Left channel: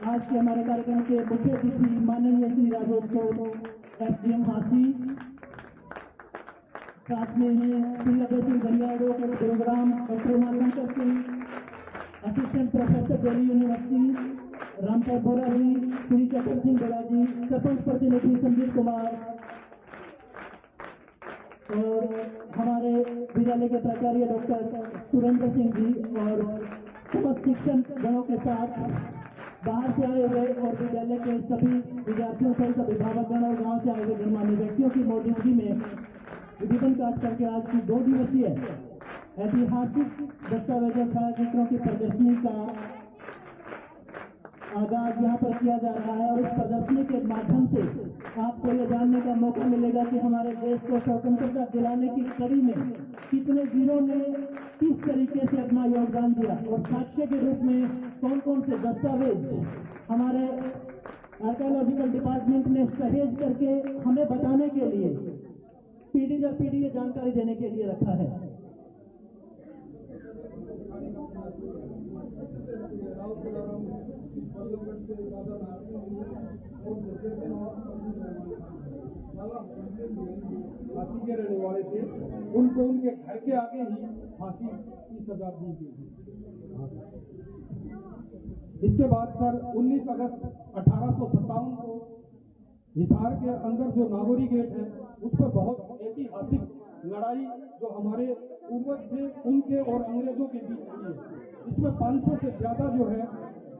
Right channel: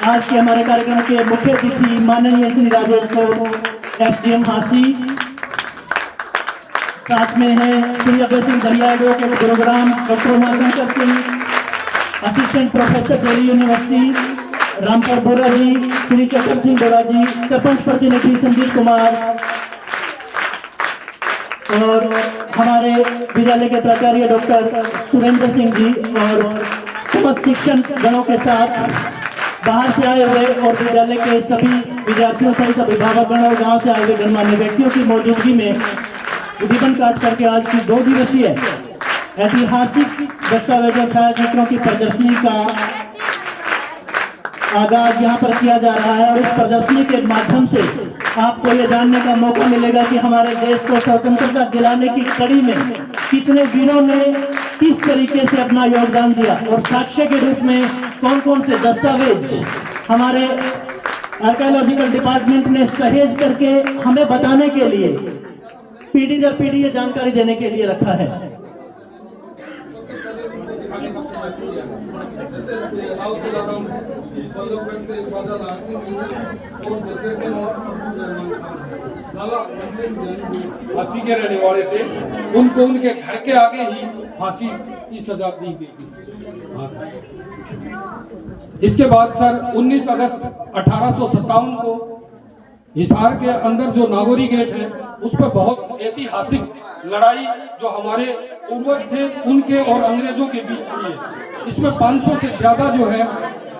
आज के हमारे कार्यक्रम के मुख्य अतिथि माननीय श्री राजेश को एसडीएम हासी, साथ में है Shri Abhay Singh Dariya advocate Gurugram, doctor Umashankar Singh assistant professor Delhi University, Rampur Bora ji, Shri Chakkar Singh बोरा जी, सरपंच प्रतिनिधि संदीप कुमार और हमारे विद्यालय के प्राचार्य डॉक्टर सुरेंद्र सिंह जी और समस्त शिक्षण गणों के साथ बाहर से आए हुए और विद्यालय के सभी विद्यार्थियों सहित अभिभावकगण और गांव से आए हुए गणमान्य व्यक्तियों की मौजूदगी में रिबन काट करके आज की 2 दिवसीय ऐतिहासिक दस्तावेजों छायाचित्रों की प्रदर्शनी का आगाज यहाँ पर किया जा रहा है और इस प्रदर्शनी के माध्यम से आपको ये जानने का मौका मिलेगा कि हमारे देश को स्वतंत्रता दिलाने की कड़ी में कितने वीरों ने किस तरीके से अपना योगदान दिया और साक्ष्य के रूप में कौन कौन से दस्तावेज हमारे आर्कियोलॉजिकल डिपार्टमेंट ने सहेज करके हमें बताने के लिए पीढ़ी दर पीढ़ी ये जानकारी देने के लिए रखा है। फांसी के रहने वाले थे, उनको उनके घर के आगे ही फांसी की सजा दी गई। इसके बाद सर 19 अगस्त 1857 को हिसार के अंदर जो नागौरी गेट है उस पर बहुत ऐतिहासिक लड़ाई जो हमारे पूर्वज थे उनके और अंग्रेजों के बीच हुई है। इसमें 500 से ज्यादा जो है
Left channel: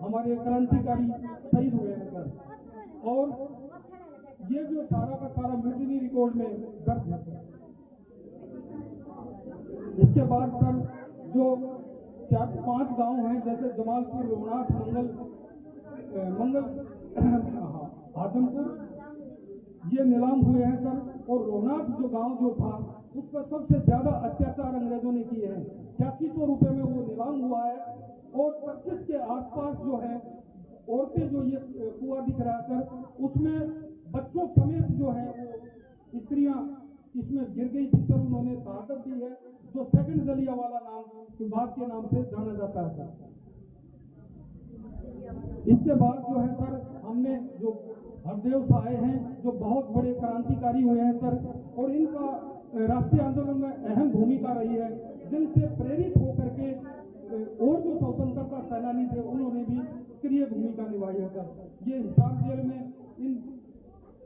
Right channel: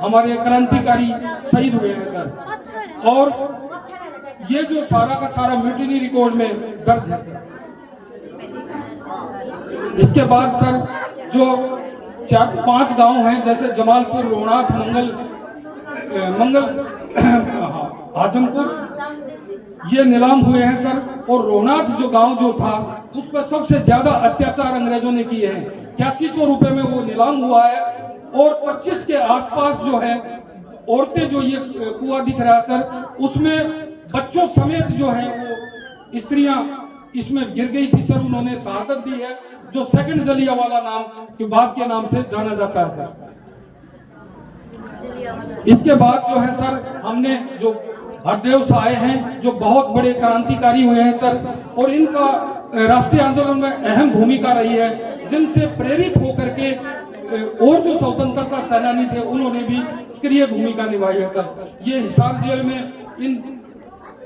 हमारे क्रांतिकारी शहीद हुए हैं सर, और ये जो सारा का सारा म्यूटिनी रिकॉर्ड में दर्ज है सर। इसके बाद सर जो 4-5 गांव हैं जैसे जमालपुर, रोहनाथ, मंगल आजमपुर, ये नीलाम हुए हैं सर। और रोहनाथ जो गांव जो था उस पर सबसे ज्यादा अत्याचार अंग्रेजों ने किए हैं। 8100 रुपए में वो नीलाम हुआ है और 25 के आसपास जो है औरतें, जो ये कुआं दिख रहा है सर, उसमें बच्चों समेत जो है वो स्त्रियां इसमें गिर गई थी सर। उन्होंने शहादत दी है, जो सेकंड जलियांवाला नाम के बाग के नाम से जाना जाता है सर। इसके बाद जो है सर हमने जो हरदेव साहे हैं जो बहुत बड़े क्रांतिकारी हुए हैं सर, और इनका राष्ट्रीय आंदोलन में अहम भूमिका रही है, जिनसे प्रेरित होकर के और जो स्वतंत्रता सेनानी थे उन्होंने भी सक्रिय भूमिका निभाई है सर। ये हिसार जेल में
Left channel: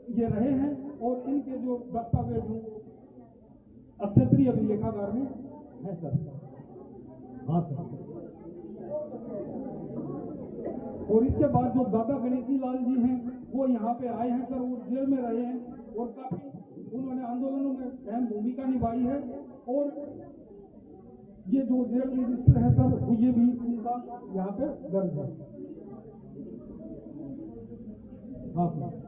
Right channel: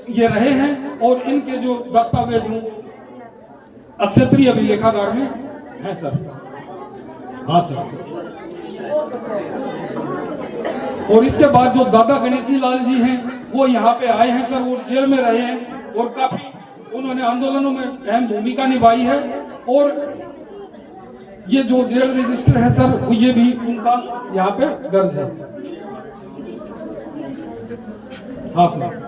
ये रहे हैं और इनके जो दस्तावेज हैं अक्षत्रिय अभिलेखागार में है सर। हाँ सर। और इसके बाद जो दादा गणेशी लाल जी हैं वो यहाँ पे आए हैं सर, वो जेल में रहे हैं और काफी उन्होंने आंदोलनों में अहम भूमिका निभाई है। और ये जो जेल रजिस्टर है सर ये भी उनका यहाँ पे दर्ज है। हाँ सर।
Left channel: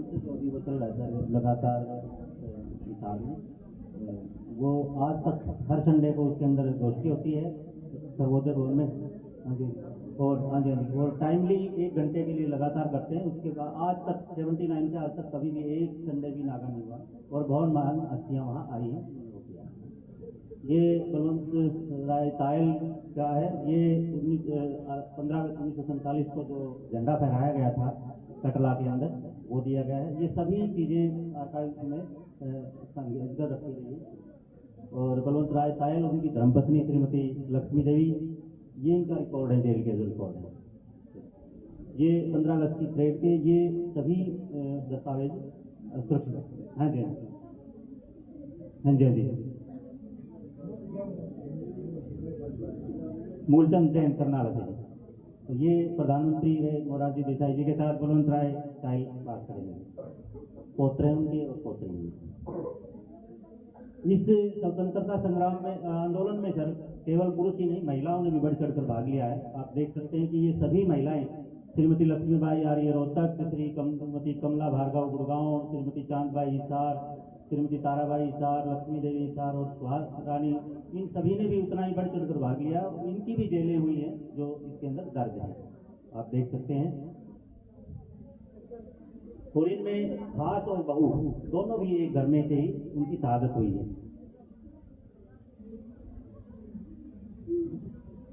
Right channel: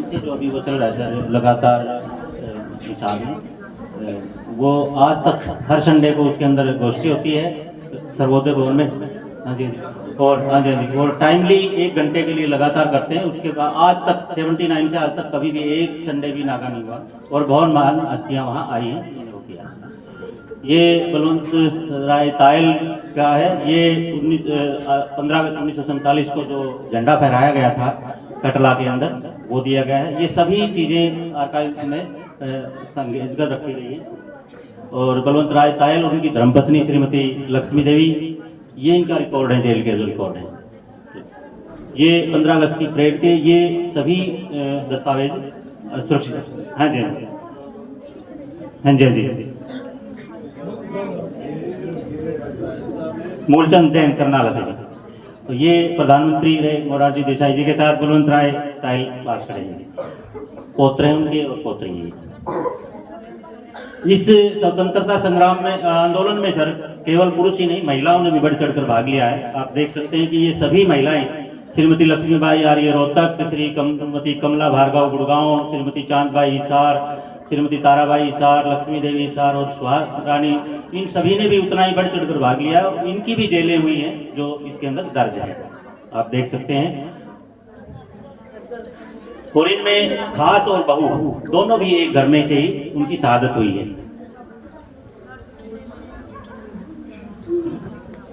से जो अभी वो चल रहा है सर लगातार हिसाब में, वो आज तक हर संडे को उसके अंदर गोष्ठी होती है सर्वोदय भवन में। हाँ जी, और हाँ जी, और टाइमली 1 घंटे के लिए लगातार करते हैं। उसके बाद आज तक 79 से आज तक कभी भी एक संडे भी नागा नहीं हुआ और बहुत महान हस्तियाँ वहाँ आई हैं। ये बलवंत राय तायल का है। ये 15 अगस्त 1947 को जो झंडा फहराया गया था कटला के अंदर वो दिया गया है। ये सभी चीज़ें आर्काइव में संजगत रखी गई है। और बलवंत राय तायल और उनकी धर्मपत्नी श्रीमती लक्ष्मी देवी, ये इनका रिकॉर्ड है, जेल के जो रिकॉर्ड है। ये 15 अगस्त की परेड के ये सभी दस्तावेज सुरक्षित। हाँ जी, हाँ जी, हाँ जी। मूलचंद जैन करनाला से। तो ये प्रधानमंत्री रहे मोरारजी देसाई जी के साथ बलवंत राय तायल पास करेंगे, पोत्र हैं उनके और पोत्री हैं। इस स्वतंत्रता संग्राम में आंदोलन में सर केवल पुरुष ही नहीं महिलाओं ने भी बढ़ चढ़कर भाग लिया है। आप देख सकते हैं कि ये सभी महिलाएं, श्रीमती लक्ष्मीबाई आर्य रोहतक, श्रीमती कमला भार्गव गुड़गांव, श्रीमती चांदबाई हिसार, श्रीमती ताराबाई हिसार, लक्ष्मी देवी हिसार और सुहास रानी, इन सभी ने भी उतना ही बढ़ चढ़कर भाग लिया और इनकी भी जेलें हुई हैं जो इसके अंदर दर्ज है, आप देख सकते हैं। और इनमें सास और बहू दोनों भी एक घर में से ही उनकी शहादत हुई है।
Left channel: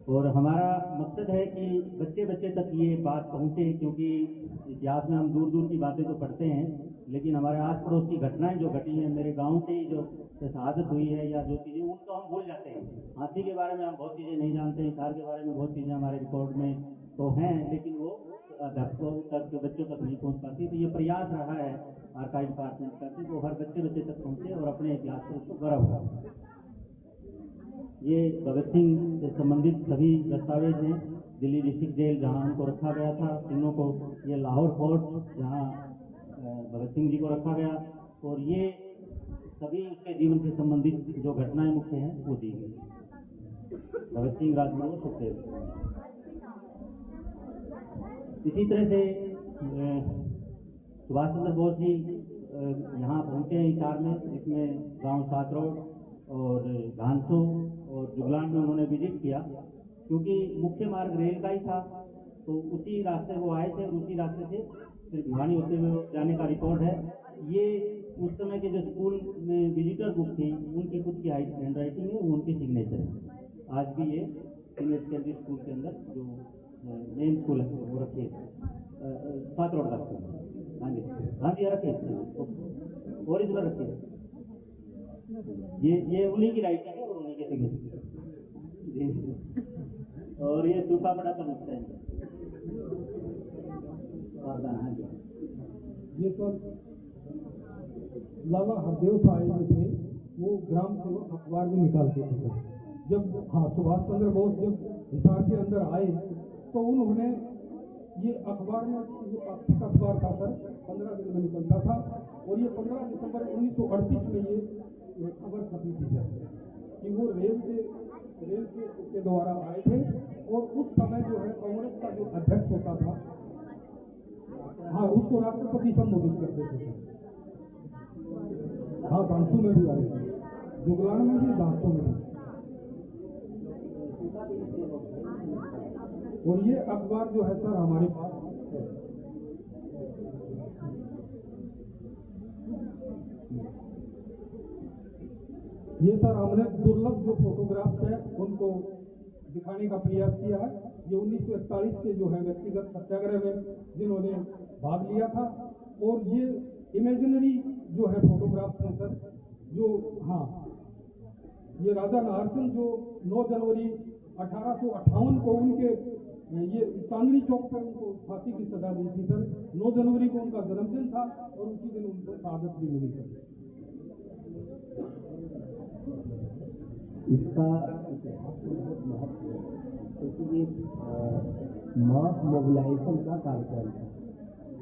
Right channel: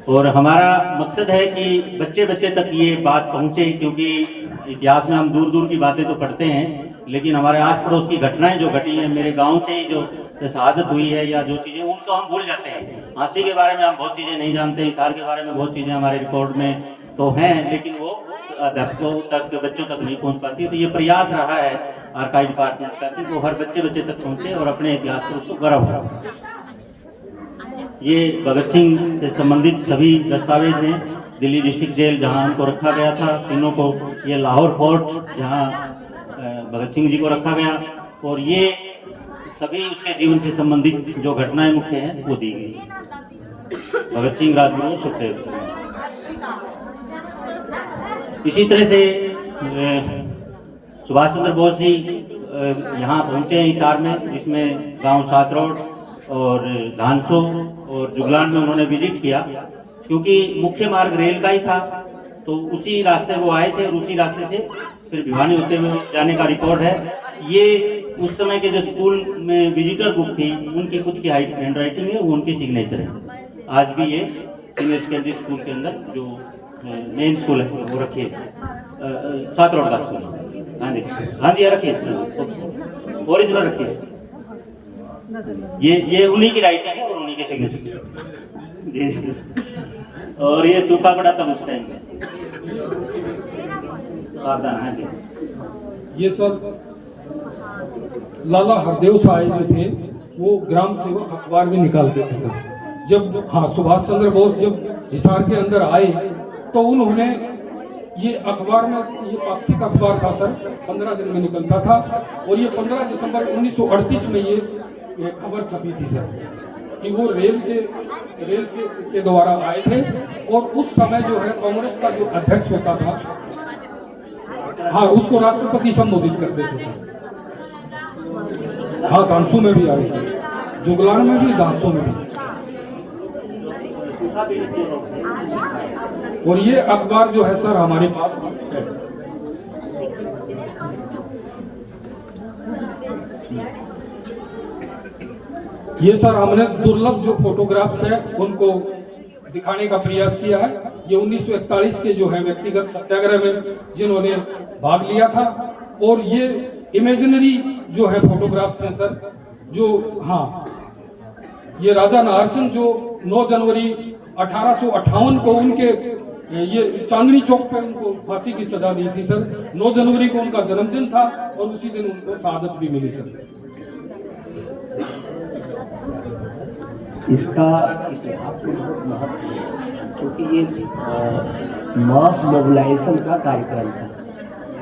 और हमारा मकसद है कि बच्चे बच्चे तक ये बात पहुंचे, क्योंकि इतिहास में हम दूर दूर की बातें तो पढ़ते हैं, लेकिन हमारे आस पड़ोस की घटनाएं जो घटी हैं, मेरे गांव से ही जो शहादत हुई है या जो चीज़ें, उनको हम भूल जाते हैं। हाँसी के बारे में हम बहुत चीज़ें नहीं जानते, हिसार के बारे में बहुत चीज़ें हमारे रिकॉर्ड में तो हैं, लेकिन वो अध्यापकों तक, बच्चों तक नहीं पहुंच पाती। तो ये प्रयास रहा है आर्काइव डिपार्टमेंट का कि वो हर बच्चे बच्चे तक पहुंचे और अपने इतिहास पर उसको गर्व हो। ये भगत सिंह से संबंधित सभी दस्तावेज हैं। दिल्ली डिस्ट्रिक्ट जेल जहां उनको रखा गया था तीनों को, ये लाहौर फोर्ट जहां भगत सिंह जी को रखा गया, और ये सभी उसके जीवन से संबंधित जो घटनाएं मुख्य हैं वो दी गई। भगत सिंह, राजगुरु, सुखदेव। इसी तरह से सुभाष चंद्र बोस जी यहाँ पहुंचे हैं हिसार में, जिसमें गांव सातरोड और धानसो और जुगलान में उन्होंने विजिट किया, क्योंकि मुख्य मार्ग रेल का ही था। तो उसी रास्ते वो आए थे और उसी रास्ते से फिर भिवानी होते हुए जाने का रिकॉर्ड है। ये उस समय के जो स्कूल में विजिटर बुक थी, उनकी खुद की हैंड राइटिंग है, वो उनकी सिग्नेचर है। आज भी ये सीनियर सेकेंडरी स्कूल के अंदर जो मेन स्कूल है वो रखिए, सातरोड का स्कूल। हाँ जी, हाँ जी, रखिए, ओरिजिनल रखिए। ये उन्हीं की राइटिंग है और उन्हीं के सिग्नेचर जी। और ये सूखा पड़ा था उस टाइम में। हाँ जी, ये सर लाला हरदेव साय जो थे वो ग्राम सेवक अखबार भी निकालते थे सर। जब सुभाष चंद्र बोस जब हिसार के अंदर आए तो उन्होंने ये अखबार में, ये पाक्षिक अखबार था सर, 15 दिन में निकलता था, और ये 15 दिसंबर 1938 में ये खबर छपी थी सर कि वो रेल के द्वारा आए थे। और उस समय जो है कांग्रेस का जो अध्यक्ष होता था, उसको राष्ट्रपति संबोधित करते थे सर। दांसू में भी आए थे, जुगलान में भी, दांसू में भी। और ये अखबार जो है सर हमारे पास है। ये सर हमने दुर्लभ जो फोटोग्राफ्स है उनको दिखाने का प्रयास किया है। ये 1941 के जो है व्यक्तिगत सत्याग्रह में जिन्होंने भाग लिया था, और ये इमेजिनरी जो है फोटोग्राफ्स हैं सर, जो ये राजा नाहर सिंह जो 9 जनवरी 1858 को उनके ये चांदनी चौक पे उनको फांसी की सजा दी थी सर। 9 जनवरी को उनका जन्मदिन था और उसी दिन उनको शहादत भी मिली सर। इसका इतिहास में बहुत महत्व है, क्योंकि ये मास मोबिलाइजेशन का कार्यक्रम था।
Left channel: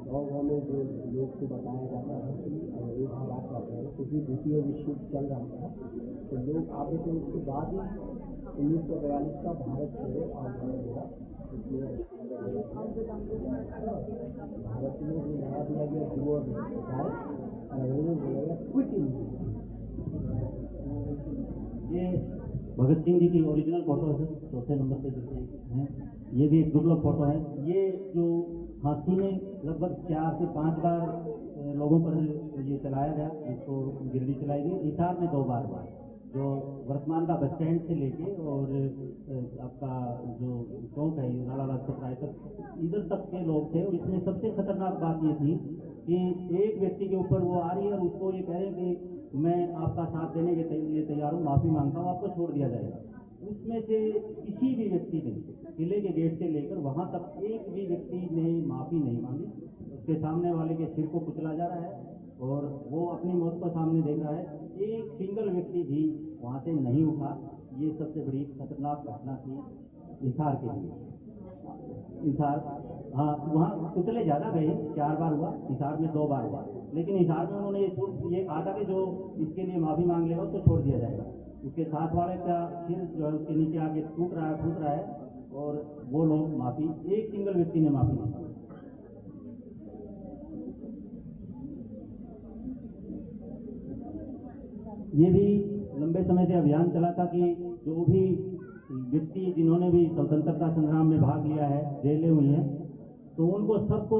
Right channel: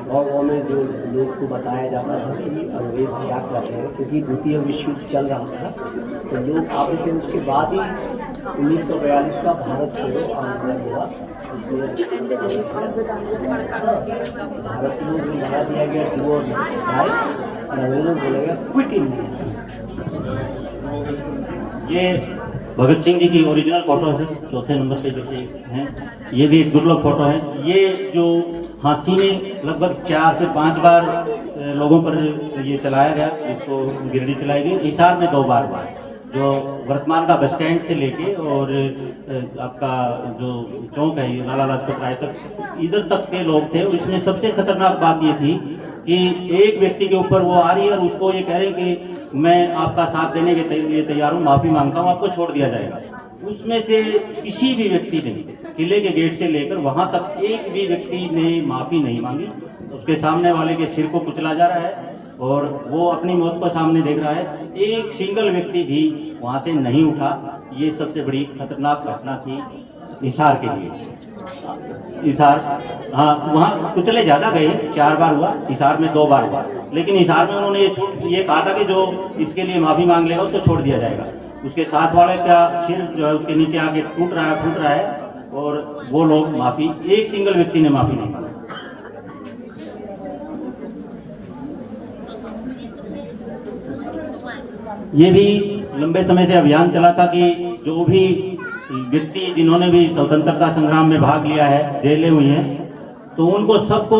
गाँव में जो लोग को बताया जाता था कि अंग्रेज क्या कर रहे हैं, क्योंकि द्वितीय विश्व युद्ध चल रहा था, तो लोग आते थे। उसके बाद ही 1942 का भारत छोड़ो आंदोलन हुआ, इसलिए भारत को भी बना दिया गया डू और डाई, और अंग्रेजों को बोला गया क्विट इंडिया। ये भगत सिंह जी की ओरिजिनल फोटो है, चौथे नंबर पे जैसे हैं। ये भी एक दुर्लभ फोटो है। ये जो फांसी में लगभग 4 से 5 बार लोगों पर ये चलाया गया, इसको गिरडी चलाई गई। हिसार में 2 बार हुआ, जो वर्तमान का बस स्टैंड से लेके और आपका जो चौक है लाला लाजपत राय तक, इधर तक के लोग थे। और इसमें सबसे खतरनाक बात ये थी कि एक व्यक्ति के ऊपर वो आ रही है और उसको ये कह रहे हैं कि मैं आपका साथ देने के लिए तैयार हूँ, माफ़ी मांगता हूँ, आपको छोड़ दिया जाएगा। उसमें से किसी भी व्यक्ति ने किले के गेट से लेकर वहाँ तक एक भी व्यक्ति ने माफ़ी नहीं मांगी। उसके सामने वाले के सिर को कुचला जा रहा है और वो अपनी मौत को सामने देख रहा है। एक सिंगल व्यक्ति भी वहाँ से नहीं उठा। ये सबसे बड़ी खतरनाक घटना थी हिसार के लिए। हिसार वहाँ कुचले ज़्यादा गए, 4 बार हुआ, हिसार में 2 बार हुआ। लेकिन हिसार में उन्होंने ये कहा था कि जो इसके लिए माफ़ी मांग लेगा उसको छोड़ दिया जाएगा। उसके साथ वाले का सिर जो है उसके नीचे आके फूट रहा है और वो लोग माफ़ी, एक सिंगल व्यक्ति ने माफ़ी नहीं मांगी। ये भी लंबे समय से अभियान चला था कि जो भी व्यक्ति जिन्होंने भी स्वतंत्रता संग्राम में भाग लिया है, जेलें हुई हैं, तो उनको सबको,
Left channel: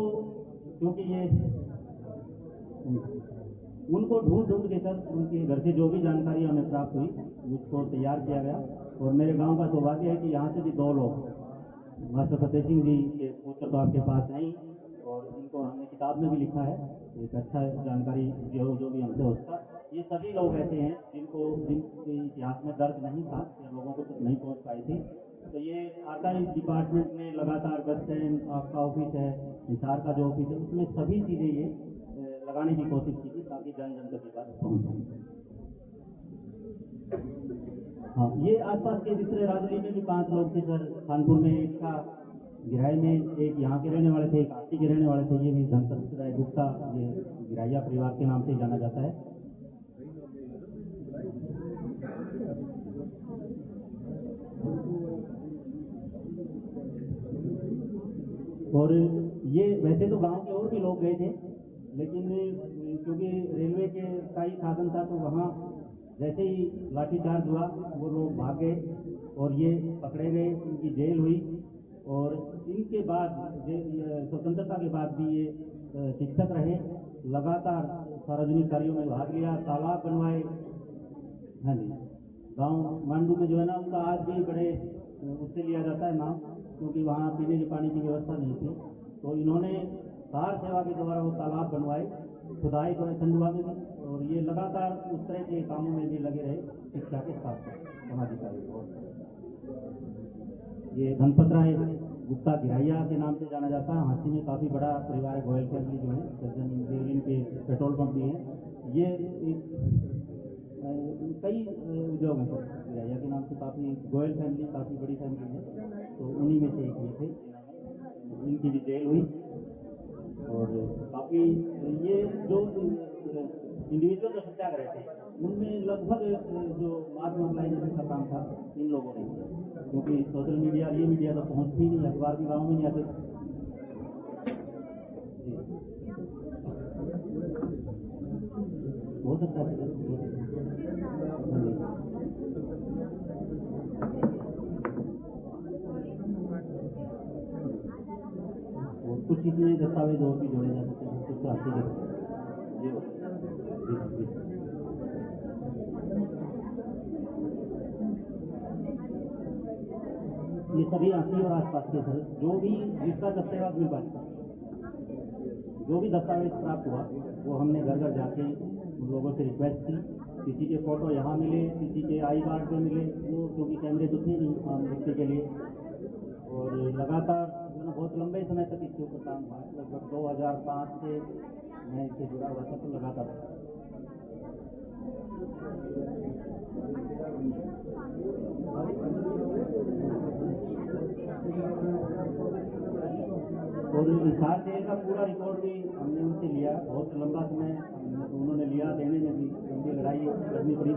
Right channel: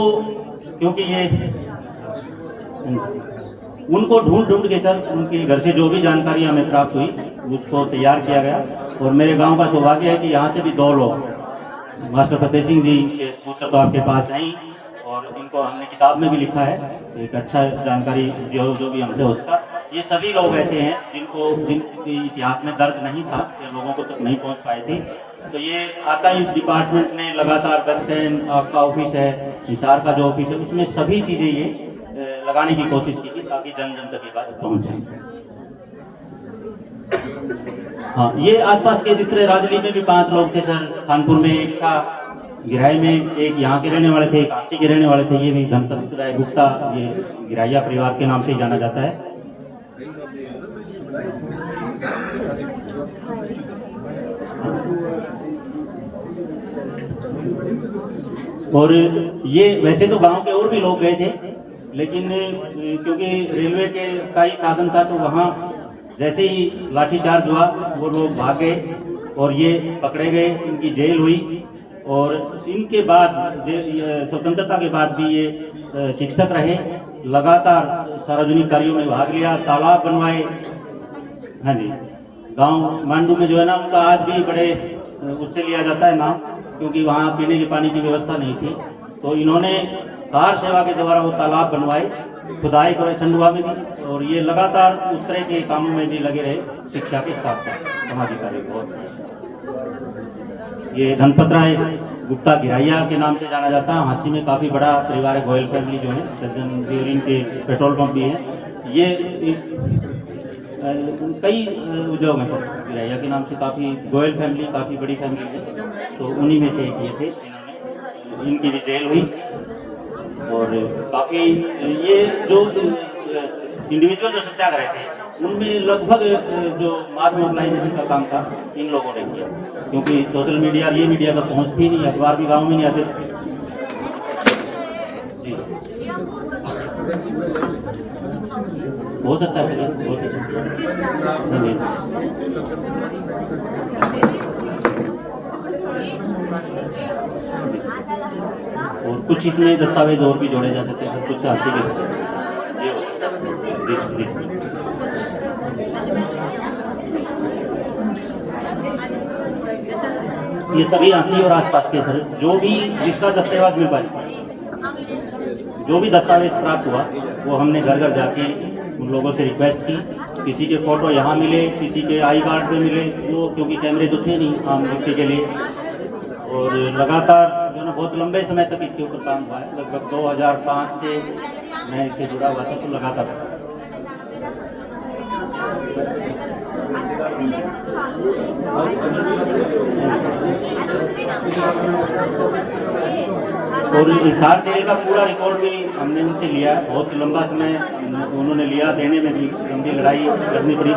क्योंकि ये उनको ढूंढ ढूंढ के सर उनके घर से जो भी जानकारी हमें प्राप्त हुई उसको तैयार किया गया। और मेरे गांव का सौभाग्य है कि यहाँ से भी 2 लोग मास्टर फतेह सिंह जी के पुत्र तो आपके पास हैं ही, और इनको हमने किताब में भी लिखा है, एक अच्छा जानकारी जो भी हमसे हो सका। ये सभी लोग ऐसे हैं जिनके इतिहास में दर्ज नहीं था, ये लोगों को तक नहीं पहुंच पाए थे। तो ये आर्काइव डिपार्टमेंट ने लगातार बस स्टैंड आपका ऑफिस है, हिसार का जो ऑफिस है, उसमें सभी चीज़ें ये लगाने की कोशिश की थी ताकि जन जन तक ये बात पहुँचे। हाँ, ये आसपास के जिस तरह राजली में भी 5 लोग थे सर, कानपुर में एक था, गिराई में एक यहाँ के रहने वाले थे, एक काशी के रहने वाले थे, ये भी धनपत राय गुप्ता, ये गिराइया परिवार के नाम से ही जाना जाता है। और ये वैसे तो गांव के और भी लोग गए थे, लेकिन क्योंकि रेलवे के का ही साधन था तो वहाँ जैसे ही लाठीचार्ज हुआ वो लोग भाग गए और ये पकड़े गए, इनकी जेल हुई। और इनके बाद स्वतंत्रता के बाद भी ये शिक्षक रहे, लगातार सार्वजनिक कार्यों में भाग लिया, तालाब बनवाए। हाँ जी, गांव मांडू में जो है ना, उनका आज भी बड़े उससे लिया जाता है नाम, क्योंकि वहाँ पीने के पानी की व्यवस्था नहीं थी। तो इन्होंने कार सेवा के द्वारा वो तालाब बनवाए, खुदाई करे संडुआ में भी, और ये लगातार उस तरह के कामों में भी लगे रहे शिक्षा के साथ साथ समाजी कार्य को। ये धनपत राय गुप्ता गिराइया के नाम से जाना जाता है। हाँसी में काफ़ी बड़ा परिवार है, गोयल फैमिली जो है, सज्जन ब्यूरिंग के पेट्रोल पंप भी है। ये कई उद्योग हैं सर, गिराइया के नाम से काफ़ी, गोयल फैमिली काफ़ी बड़ी फैमिली है, तो उन्हीं में से एक ये थे जिन्होंने, इनकी भी जेल हुई। और काफ़ी ये जो इंडिविजुअल जो सत्याग्रह थे उनमें लगभग जो मास मोबिलाइजेशन का काम था इन लोगों ने किया, क्योंकि सोशल मीडिया ये मीडिया तक पहुंचती नहीं, अखबार भी गांव में नहीं आते थे। जी हो सकता है सर, बहुत और कुछ इसमें दस्तावेज और भी जोड़े जा सकते हैं, कुछ हासिल ये हो सकता है। जी ये सभी हाँसी और आसपास के सर, जो भी जिसका दस्तावेज मिल पाए, जो भी दस्तावेज प्राप्त हुआ वो हमने घर घर जाके उन लोगों से रिक्वेस्ट की। किसी के फोटो यहाँ मिले, किसी के आई कार्ड पे मिले, वो क्योंकि कैमरे तो थे नहीं आम व्यक्ति के लिए। और लगातार जो ना बहुत लंबे समय तक इसके ऊपर काम हुआ है, लगभग 2005 से मैं इससे जुड़ा हुआ था, तो लगातार और हिसार जेल का पूरा रिकॉर्ड भी हमने उनसे लिया। बहुत लंबा समय उन्होंने लिया, देने में भी लंबी लड़ाई करनी पड़ी,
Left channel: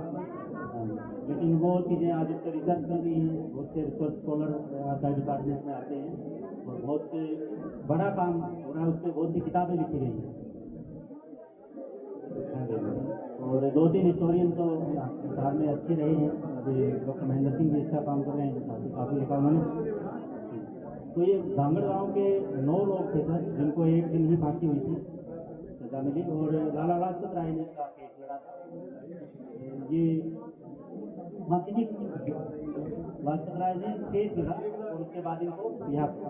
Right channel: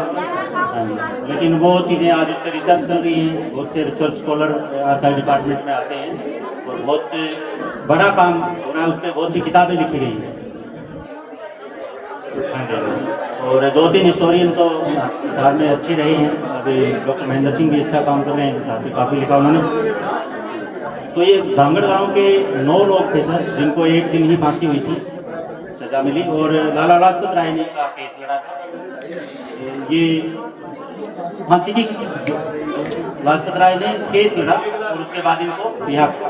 लेकिन वो चीज़ें आज उस पर रिसर्च चल रही हैं। बहुत से रिसर्च स्कॉलर आर्काइव डिपार्टमेंट में आते हैं और बहुत बड़ा काम हो रहा है, उस पर बहुत सी किताबें लिखी गई हैं। और 2-3 हिस्टोरियन तो हिसार में अच्छी रहे हैं, अभी डॉक्टर महेंद्र सिंह भी अच्छा काम कर रहे हैं, हिसार पे काफ़ी लिखा उन्होंने। तो ये धांगड़ गांव के 9 लोग थे सर, जिनको एक दिन ही फांसी हुई थी, सजा मिली। और लाला लाजपत राय ने का केस लड़ा था, ये फांसी की लाजपत राय ने केस लड़ा और उसके बाद इनको रिहा किया।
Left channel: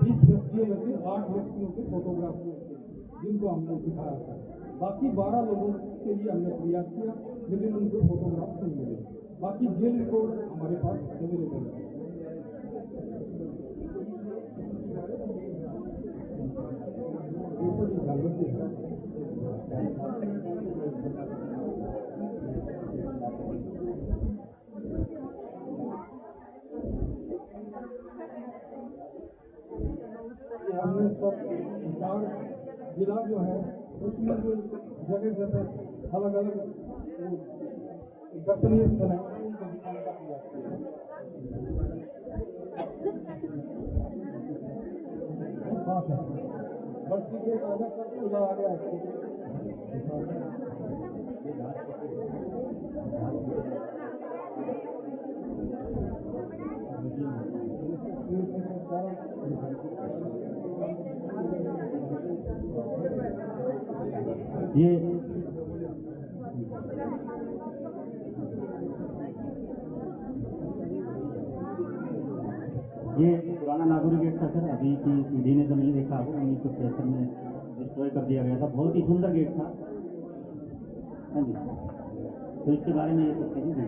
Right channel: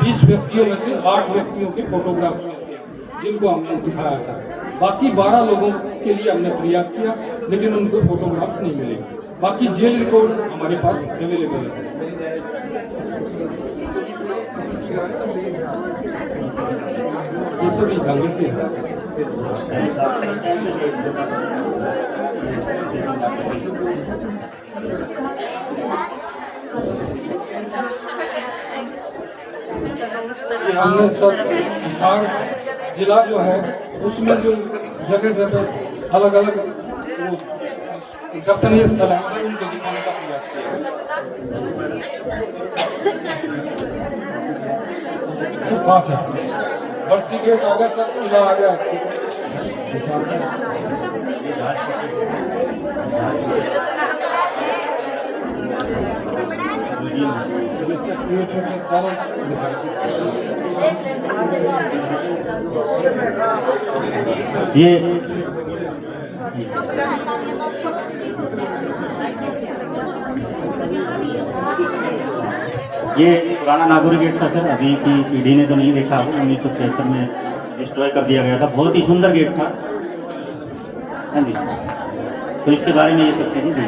20 व्यक्तियों में से 8 व्यक्तियों के फोटोग्राफ्स मिलते हैं जिनको हमने दिखाया सर। बाकी 12 लोगों के लिए हमने प्रयास किया, लेकिन उनको फोटोग्राफ्स नहीं मिले। बाकी जेल रिकॉर्ड हमारे पास अवेलेबल है। ये सभी धांगड़ से हैं। ये हमने सब हिसार जिला जो है उसमें जो जगह जगह अलग अलग दर्शनीय स्थल है सर, उनको दिखाने का प्रयास किया है। पास है बर्सी गेट आ गया सर, किला आ गया अच्छे से सरल दिखाई। ये पुराना नागौरी गेट था सर, अभी की पीढ़ी ने तो नहीं देखा, 1973 में डिस्ट्रॉय कर दिया गया था। बहुत ही सुंदर गेट था। हाँ जी, तो इसके बारे में ये सब चीज़ें दी।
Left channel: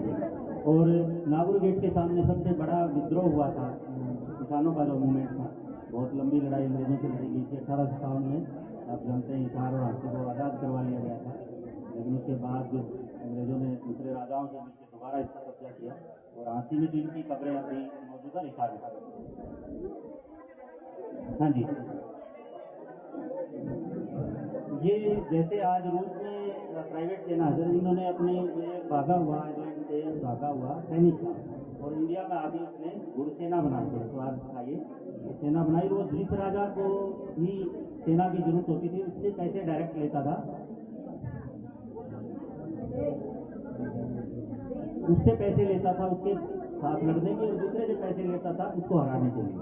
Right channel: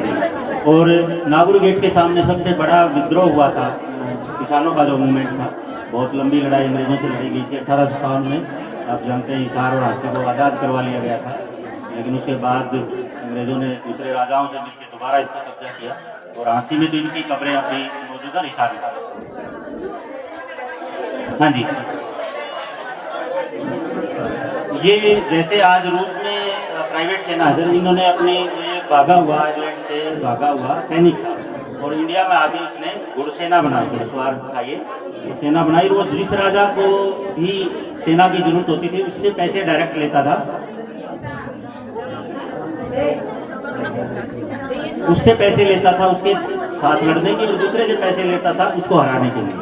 और नागौरी गेट के सामने सबसे बड़ा विद्रोह हुआ था, किसानों का जो मूवमेंट था। बहुत लंबी लड़ाई अंग्रेजों से लड़ी गई थी 1857 में। आप जानते हैं हिसार और झांसी को आज़ाद करवा लिया गया था, लेकिन उसके बाद अंग्रेजों ने दूसरे राजाओं से मिलकर दोबारा इस पर कब्जा किया। और झांसी में तो इनकी कब्रें अभी मौजूद है, हिसार में। हाँ जी, ये जैसे आज रूस में प्राइवेट सेना है, इन्होंने अपनी ये भागा हुआ आयरलैंड से भागा हुआ सैनिक था, और इंडिया में आगे इसने घुड़सेना बनाई, घुड़सवार था ये सेना बनाई। वो जिस राजा को भी सेना की जरूरत होती थी उससे पैसे डायरेक्ट लेता था, उससे पैसे लेता था उसके साथ लड़ने के, और दूसरे से पैसे लेता था उसको हराने के लिए।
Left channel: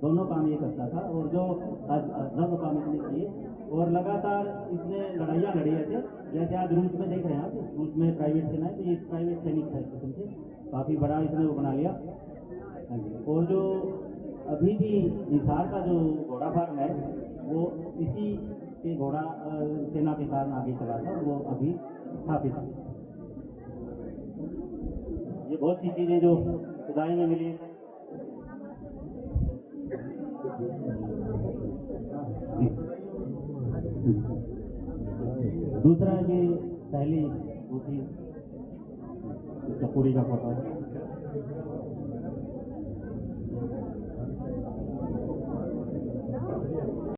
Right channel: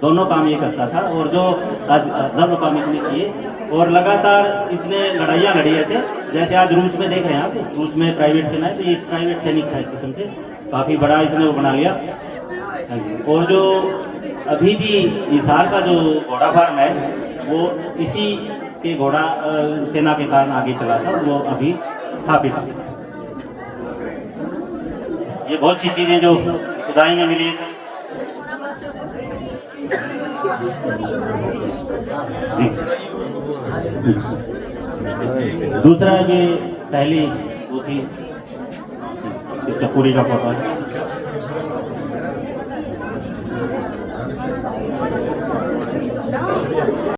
दोनों काम ये करता था, और जो आज दोनों काम इसने किए, और लगातार इसने लड़ाइयाँ लड़ी ऐसे, जैसे आज रूस में देख रहे हैं आप, रूस में प्राइवेट सेना है, तो ये प्राइवेट सैनिक था एक किस्म से, काफ़ी बड़ा इसने वो बना लिया। और जो अभी भी हिसार का जो घोड़ा फार्म है वो इसी के घोड़ा सेना के कारण आगे चला था, वो अभी स्थापित है। ये बहुत सी चीज़ें जो खुदाई में मिली है सर। जी, दूसरा ये पहली वो थी, इसका पूरी का फोटो है।